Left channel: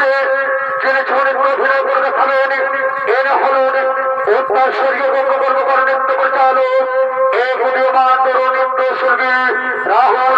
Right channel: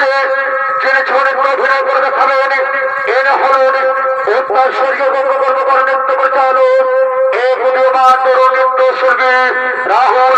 মঞ্চে যিনি ছড়িত অভিনয় করে দেখাবেন এরা হলেন উত্তর সূর্য কর্মকর্তা নৃত্য পরিচালক এ প্রতিমান তরুণ নৃত্য শিল্পী রাহুল